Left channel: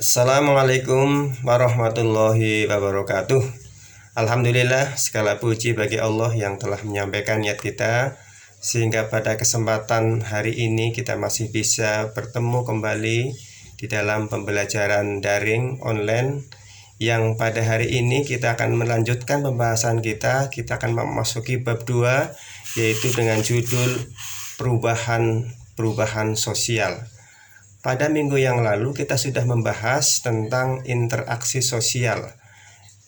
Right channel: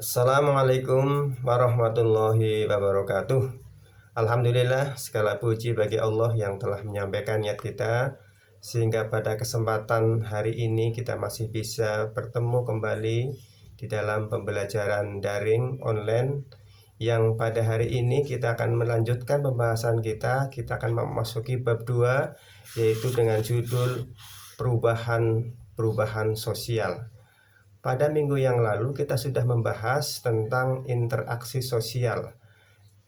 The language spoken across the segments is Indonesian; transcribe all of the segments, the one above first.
Assalamualaikum warahmatullahi wabarakatuh. Alhamdulillah, segala puji bagi Allah yang telah menyampaikan niat kita, sehingga pada kesempatan hari ini kita masih bisa bertemu kembali di dalam pembelajaran daring online. Yang pada hari ini kita akan melanjutkan pembahasan kita akan memasuki bab 2, yaitu dengan judul perubahan sosial. Pada minggu yang lalu kita sudah membahas tentang interaksi sosial.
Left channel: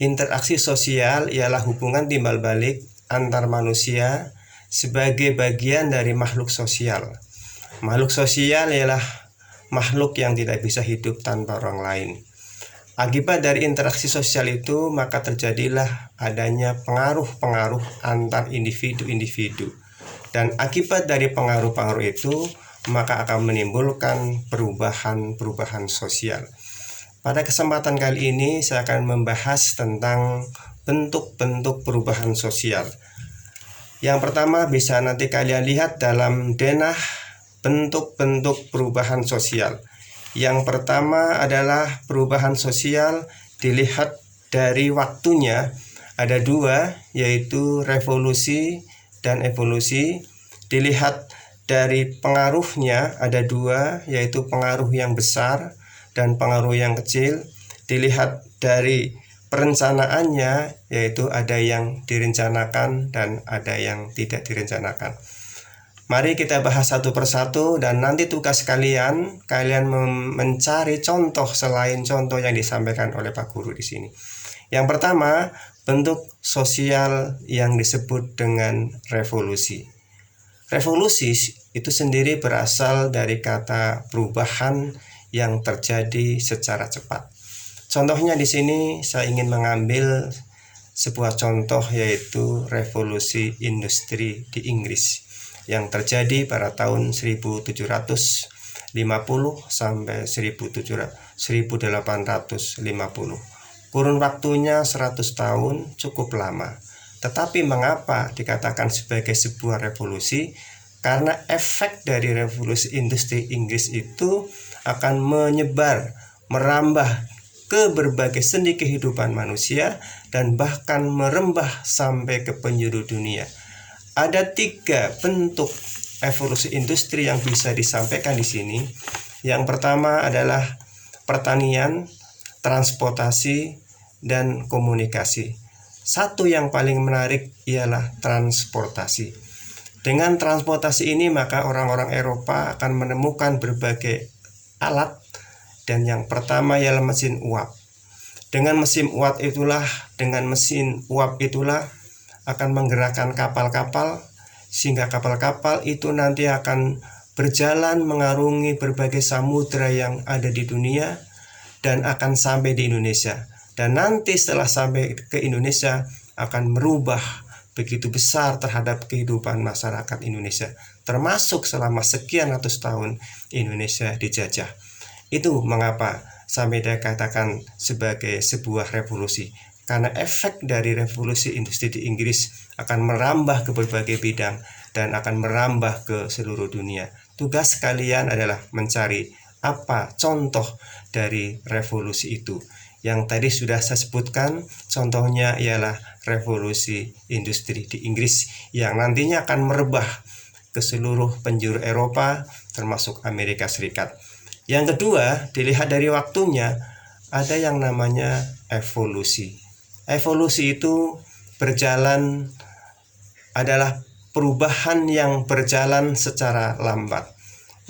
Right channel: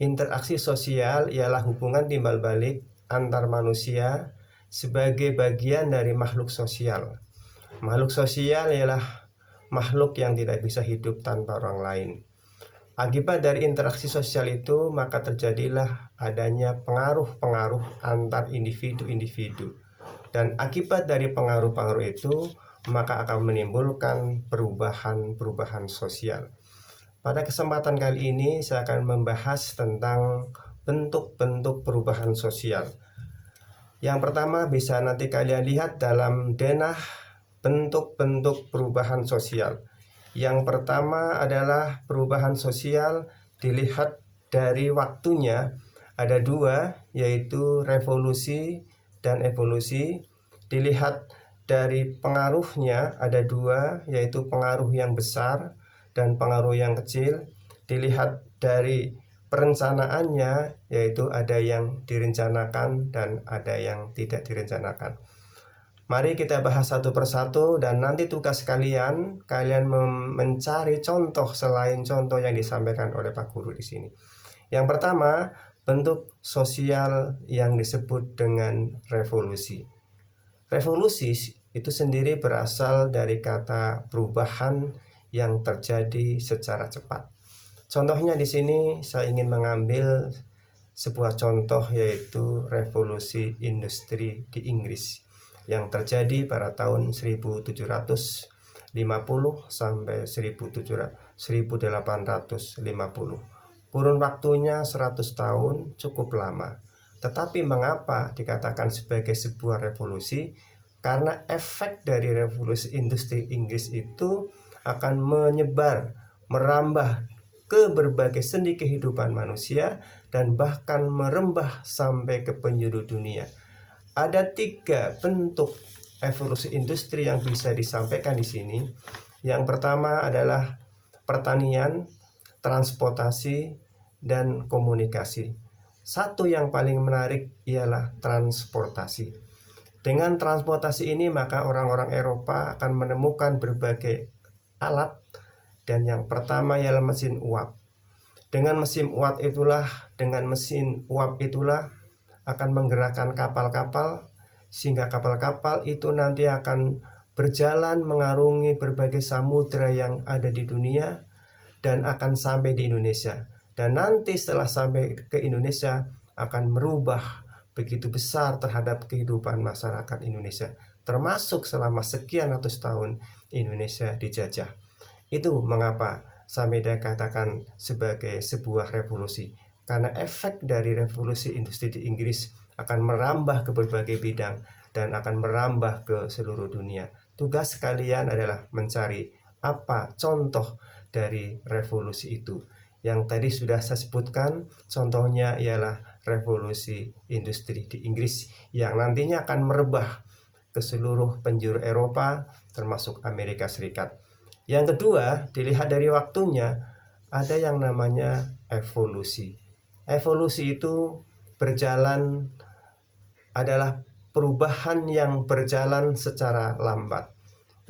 Interaksi sosial ialah hubungan timbal balik antar manusia sebagai bagian dari makhluk sosial. Makhluk sosial ialah makhluk yang tidak bisa hidup tanpa orang lain. Akibat dari interaksi sosial itu, maka terjadilah adanya pengaruh-pengaruh antar individu-individu. Dan akibat dari pengaruh-pengaruh itu, maka akan menimbulkan perubahan sosial. Pada kesempatan kali ini saya akan membahas tentang bentuk-bentuk perubahan sosial. Yang pertama bisa nanti kalian lihat dalam denah bentuk-bentuk perubahan sosial. Yang pertama adalah perubahan sosial dilihat dari waktunya. Ada dua, yaitu revolusi dan evolusi. Dilihat dari pengaruhnya ada dua, yaitu pengaruh yang besar dan pengaruh yang kecil. Dilihat dari perencanaannya, yaitu ada yang direncanakan dan ada yang tidak direncanakan. Mari kita bahas satu persatu, dan nanti tugas kalian mencari contoh selain contoh yang disampaikan oleh Pak Guru di sini. Yang pertama, bentuk sosial yang disebut dengan revolusi. Revolusi itu sendiri berasal dari kata perubahan yang terjadi secara cepat. Contohnya di sini saya ingin mengambil sebuah contoh, yaitu revolusi industri di Inggris yang terjadi pada tahun 1750 sampai 1850. Kurun waktunya 100 tahun, cukup lama. Tetapi mengapa dikatakan sebagai sebuah revolusi? Karena efek dari revolusi industri Inggris itu akan menyebar, merambah ke berbagai sendi kehidupan manusia dan bahkan merembah sampai ke penjuru dunia. Ada 3 bentuk evolusi industri yang bisa disampaikan di sini. Yang pertama adalah pertanian, transportasi, dan komunikasi. Satu yang paling menarik ialah transportasi. Dengan transportasi ini maka orang-orang Eropa akan menemukan berbagai alat, dan yang pertama ialah mesin uap. Dengan mesin uap itulah akan menggerakkan kapal-kapal, sehingga kapal-kapal itu nanti akan berjalan mengarungi berbagai samudra yang ada di dunia dan akan sampai di Indonesia. Dan nanti setelah sampai ke Indonesia akan merubah begitu besar terhadap kehidupan masyarakat Indonesia, termasuk selama sekian ratus tahun Indonesia dijajah. Itu mengapa sampai dikatakan sebagai sebuah revolusi, karena efek dari revolusi industri di Inggris akan merambah ke berbagai bidang dan akan merambah ke seluruh dunia. Tugas kalian adalah mencari apa contoh dari revolusi itu. Yang tadi sudah saya sebutkan, contohnya ialah revolusi industri di Inggris yang nantinya akan merebah ke seluruh penjuru Eropa termasuk Amerika Serikat. Yang kedua, dilihat dari waktunya, ada yang namanya evolusi. Evolusi itu adalah perubahan yang berjalan secara lambat.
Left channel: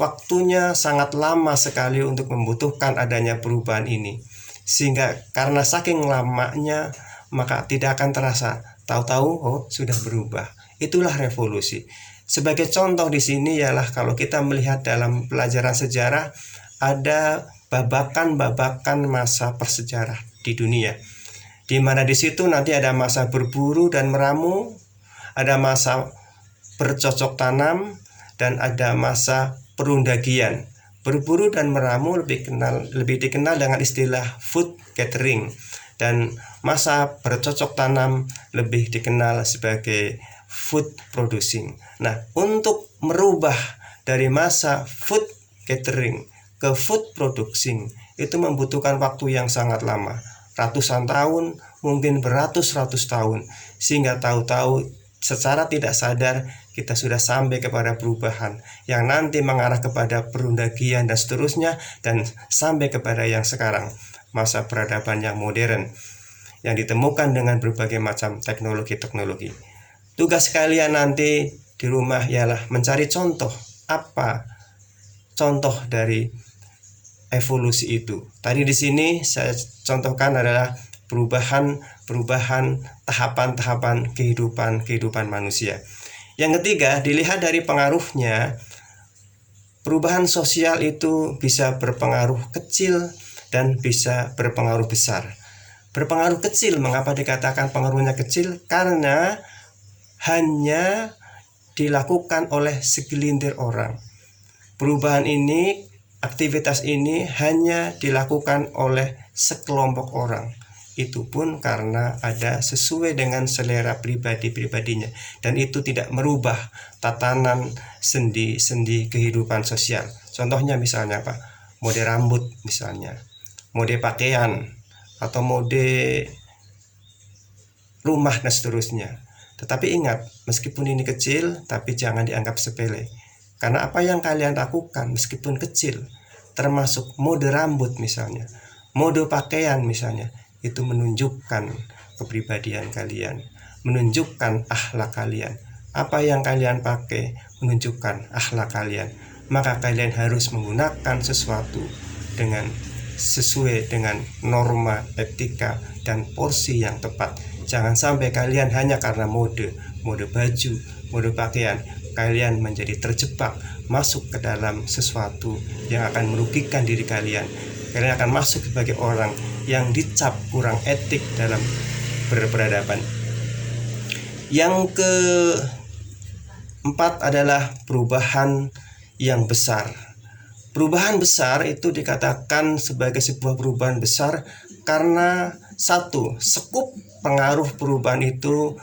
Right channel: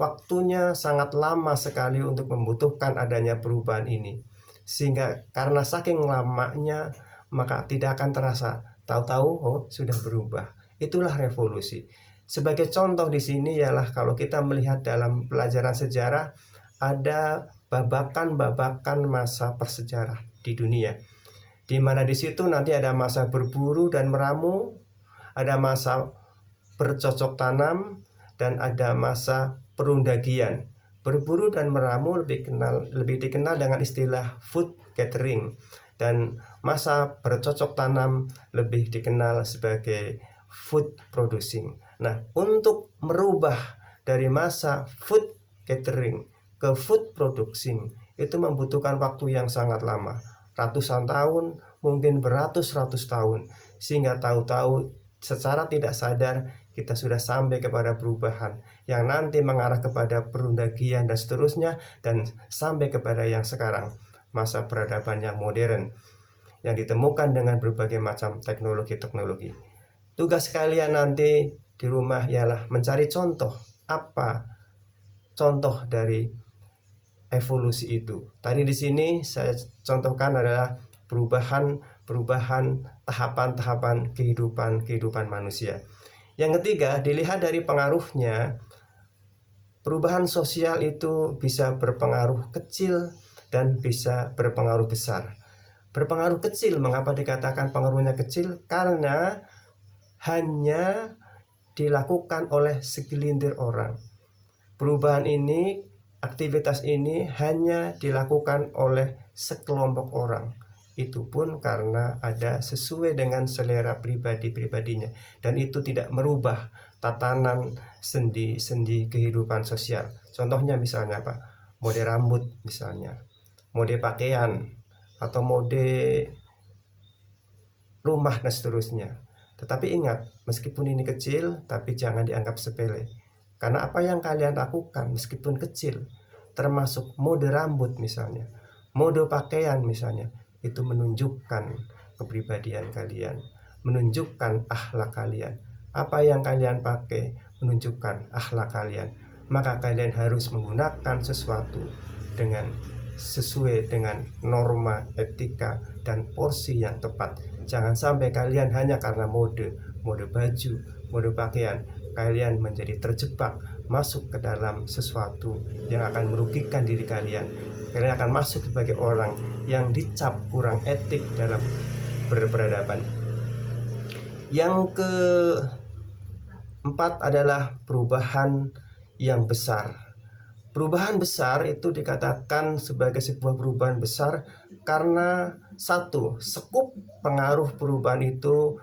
Waktunya sangat lama sekali untuk membutuhkan adanya perubahan ini, sehingga karena saking lamanya maka tidak akan terasa. Tahu-tahu sudah berubah. Itulah revolusi. Sebagai contoh di sini ialah kalau kita melihat dalam pelajaran sejarah, ada babakan-babakan masa persejarah di dunia, di mana di situ nanti ada masa berburu dan meramu, ada masa bercocok tanam, dan ada masa perundagian. Berburu dan meramu lebih dikenal dengan istilah food gathering, dan masa bercocok tanam lebih dikenal sebagai food producing. Nah, untuk merubah dari masa food gathering ke food producing itu membutuhkan waktu yang sangat lama, ratusan tahun, mungkin beratus-ratus tahun, sehingga tahu-tahu secara tidak sadar kita sudah sampai kepada perubahan yang nanti mengarah kepada perundagian dan seterusnya, dan sampai kepada yang sekarang, masa peradaban yang modern yang ditemukan dengan berbagai macam teknologi-teknologi. Tugas kalian nanti di rumah ialah mencari contoh, apa contoh dari evolusi itu. Tadi di sini saya contohkan adalah perubahan tahapan-tahapan kehidupan manusia. Yang ketiga, dilihat dari pengaruhnya, perubahan sosial itu bisa berpengaruh kecil dan bisa berpengaruh besar. Berpengaruh kecil, mengapa dikatakan pengaruhnya kecil? Karena hanya dilakukan oleh segelintir orang. Perubahan ini, aktivitas ini hanya dilakukan oleh sekelompok orang. Itu pun karena ada sesuai dengan selera pribadi-pribadinya, dan itu tidak merubah tatanan sendi-sendi kehidupan sosial. Contohnya misalnya apa? Mode rambut misalnya, mode pakaian, atau mode rumah dan seterusnya. Tetapi ingat, meskipun ini kecil, tapi jangan dianggap sepele. Karena apa yang kalian lakukan meskipun kecil, termasuk mode rambut misalnya, mode pakaian misalnya, itu menunjukkan kepribadian kalian, menunjukkan akhlak kalian. Apa yang kalian pakai menunjukkan akhlak kalian. Maka kalian harus menggunakan sesuatu dengan sesuai dengan norma etika dan porsi yang tepat. Jangan sampai kalian hanya karena mode baju, mode pakaian, kalian menjadi terjebak masuk ke dalam sesuatu yang akan merugikan diri kalian. Kalian akan masuk sebagai orang yang dicap kurang etik dalam berperadaban. Yang keempat adalah perubahan yang besar. Perubahan besar itu dikatakan sebagai sebuah perubahan besar karena satu, skup pengaruh perubahan itu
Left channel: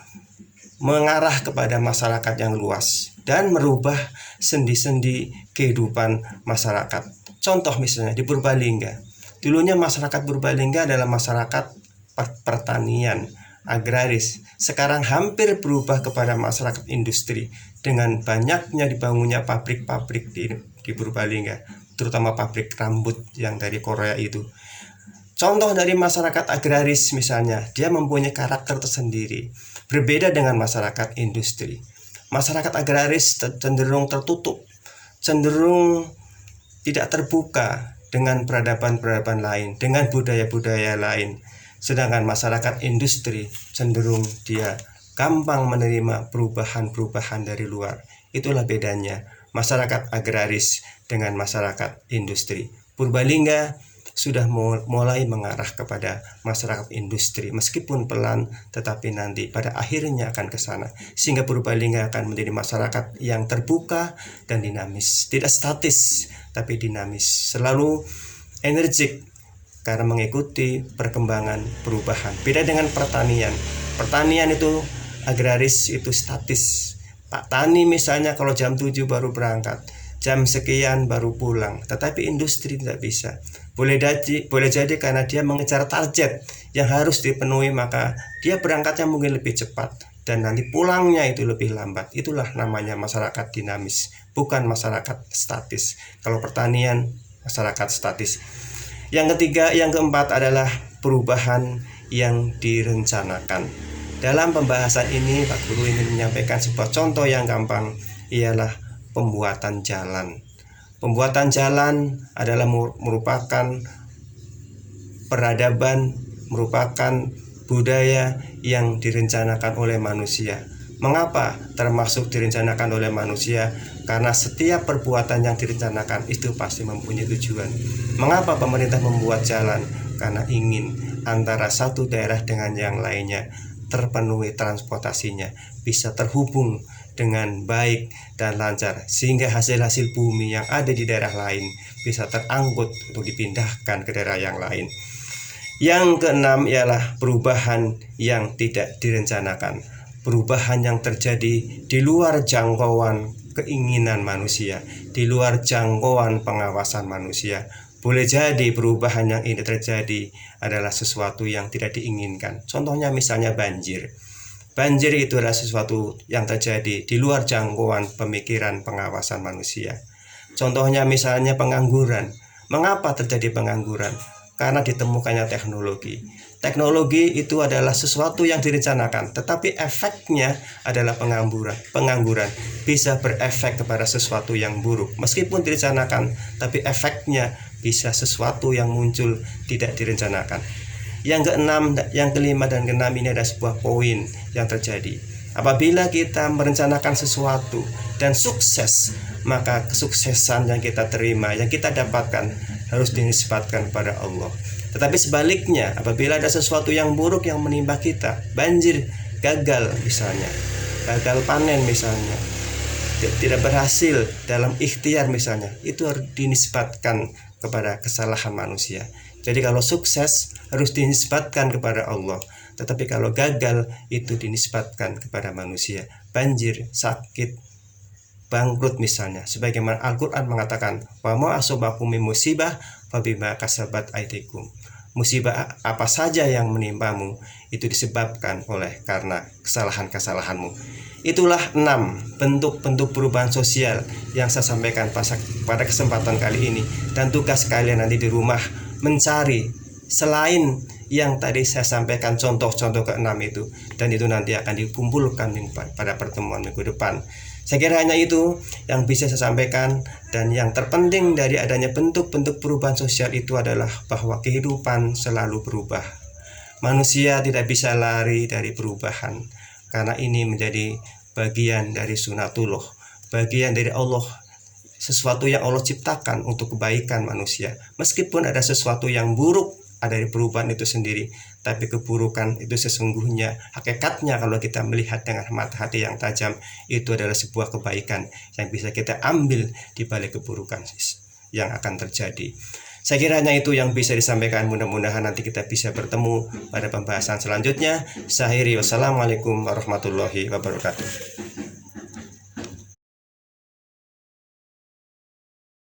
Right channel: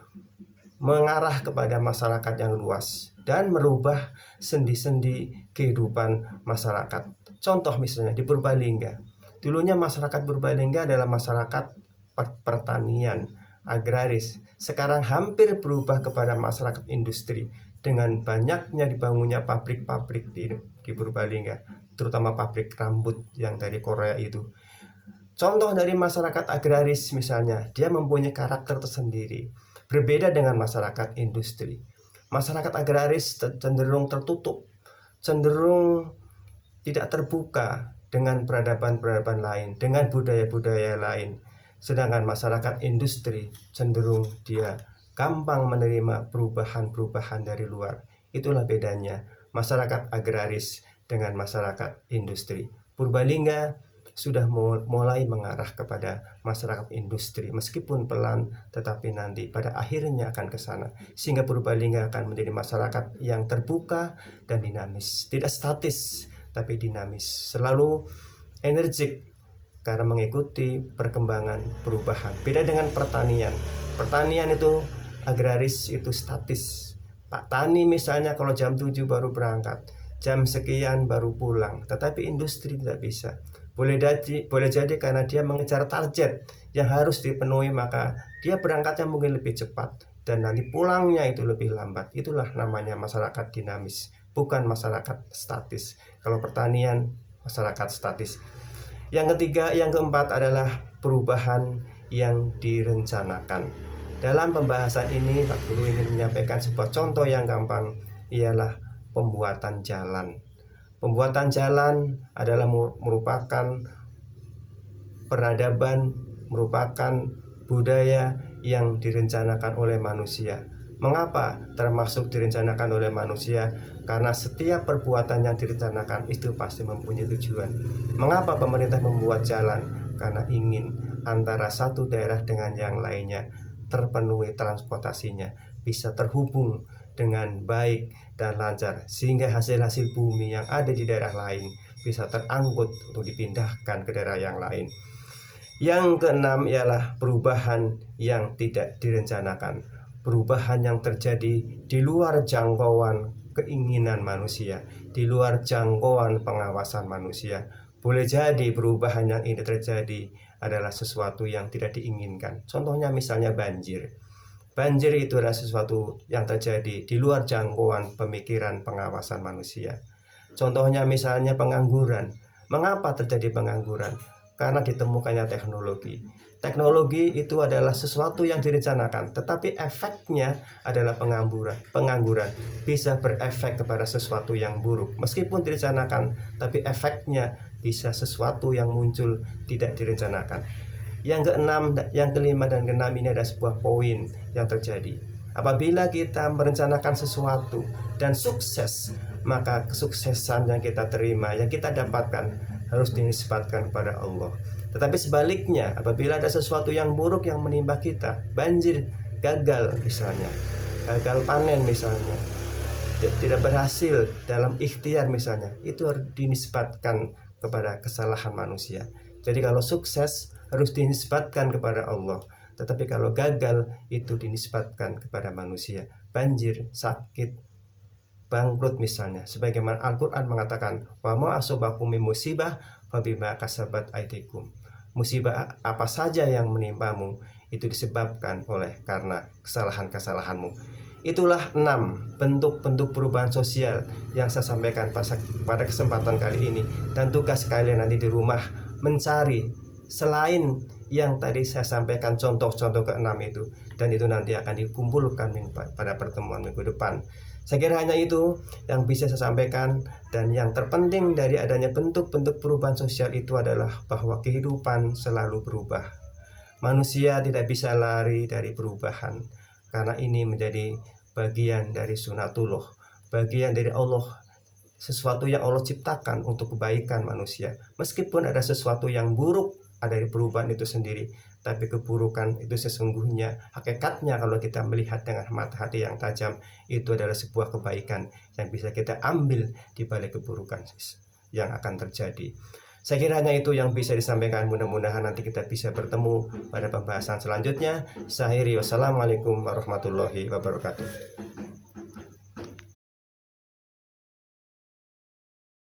mengarah kepada masyarakat yang luas dan merubah sendi-sendi kehidupan masyarakat. Contoh misalnya di Purbalingga. Dulunya masyarakat Purbalingga adalah masyarakat pertanian, agraris. Sekarang hampir berubah kepada masyarakat industri dengan banyaknya dibangunnya pabrik-pabrik di Purbalingga, terutama pabrik rambut yang dari Korea itu. Contoh dari masyarakat agraris misalnya, dia mempunyai karakter tersendiri, berbeda dengan masyarakat industri. Masyarakat agraris cenderung tertutup, cenderung tidak terbuka dengan peradaban-peradaban lain, dengan budaya-budaya lain. Sedangkan masyarakat industri cenderung dia gampang menerima perubahan-perubahan dari luar. Itulah bedanya masyarakat agraris dengan masyarakat industri. Purbalingga sudah mulai mengarah kepada masyarakat industri, meskipun pelan, tetapi nanti pada akhirnya akan ke sana, sehingga Purbalingga akan menjadi masyarakat yang terbuka dan dinamis, tidak statis tapi dinamis, selalu energik karena mengikuti perkembangan perubahan. Beda dengan pertanian. Pertanian itu agraris, itu statis. Pak Tani misalnya kalau jam 7 baru berangkat, jam sekian baru pulang. Tetapi industri tidak bisa. Boleh jadi karena dia mengejar target yang harus dipenuhi, maka dia berangkatnya mungkin lebih cepat dan nanti pulangnya itu lebih lambat. Itulah namanya masyarakat dinamis, bukan masyarakat statis. Kalau pertanian, masyarakat statis. Yang ketiga, yang keempat adalah perubahan yang direncanakan. Dalam pembahasan ini, Pak Guru ingin menyampaikan sebuah contoh yang gampang, ialah pembuatan jalan. Pembuatan jalan adalah merupakan peradaban, merupakan budaya yang direncanakan oleh manusia. Mengapa termasuk direncanakan oleh manusia? Karena setiap perbuatan yang direncanakan itu pasti mempunyai tujuan. Mengapa pemerintah membuat jalan? Karena ingin antara satu daerah dengan yang lainnya terpenuhi transportasinya, bisa terhubung dengan baik dan lancar, sehingga hasil-hasil bumi yang ada di daerah lain bisa terangkut untuk dipindahkan ke daerah yang lain. Yang keenam ialah perubahan yang tidak direncanakan, perubahan yang terjadi di luar jangkauan keinginan manusia, di luar jangkauan pengawasan manusia. Boleh jadi perubahan yang ini terjadi adalah sesuatu yang tidak diinginkan. Contohnya misalnya banjir. Banjir itu adalah sesuatu yang terjadi di luar jangkauan pemikiran pengawasan manusia. Contohnya misalnya pengangguran. Mengapa terjadi pengangguran? Karena ditemukannya teknologi. Teknologi itu adalah sesuatu yang direncanakan, tetapi efeknya adalah pengangguran bisa berefek kepada sesuatu yang buruk. Meskipun direncanakan, tapi efeknya bisa sesuatu yang muncul tidak direncanakan. Yang keenam, yang kelima dan keenam ini ada sebuah poin yang terjadi. Apabila kita merencanakan sesuatu dan sukses, maka kesuksesan yang kita terima, yang kita dapatkan harus dinisbatkan kepada Allah. Tetapi sebaliknya, apabila ada sesuatu yang buruk yang menimpa kita, banjir, gagal misalnya, gagal panen misalnya, tidak berhasil dalam ikhtiar misalnya, itu harus dinisbatkan kepada kesalahan manusia. Jadi kalau sukses harus dinisbatkan kepada Allah, tetapi kalau gagal itu dinisbatkan kepada manusia. Banjir, sakit, bangkrut misalnya, sebagaimana Al-Quran mengatakan, wa ma asobakum min musibah fabima kasabat aydikum. Musibah apa saja yang menimpamu itu disebabkan oleh karena kesalahan-kesalahanmu. Itulah 6 bentuk-bentuk perubahan sosial yang saya sampaikan pada kesempatan kali ini. Dan tugas kalian nanti di rumah mencari selain yang tadi saya sampaikan contoh-contoh ke-6 itu, dan itu nanti akan dikumpulkan pada pertemuan minggu depan. Saya kira hanya itu yang bisa saya sampaikan, dan yang terpenting dari adanya bentuk-bentuk perubahan sosial itu adalah bahwa kehidupan selalu berubah. Manusia tidak bisa lari dari perubahan, karena ini menjadi bagian dari sunatullah, bagian dari Allah, sesuatu yang Allah ciptakan untuk kebaikan manusia. Meskipun ada sesuatu yang buruk dari perubahan itu sendiri, tapi keburukan itu sesungguhnya hakikatnya kalau kita melihat dengan mata hati yang tajam, itu adalah sebuah kebaikan yang bisa kita ambil di balik keburukan yang akan terjadi. Saya kira hanya itu yang bisa disampaikan. Mudah-mudahan nanti kita bisa bertemu pada pembahasan selanjutnya. Wassalamualaikum warahmatullahi wabarakatuh.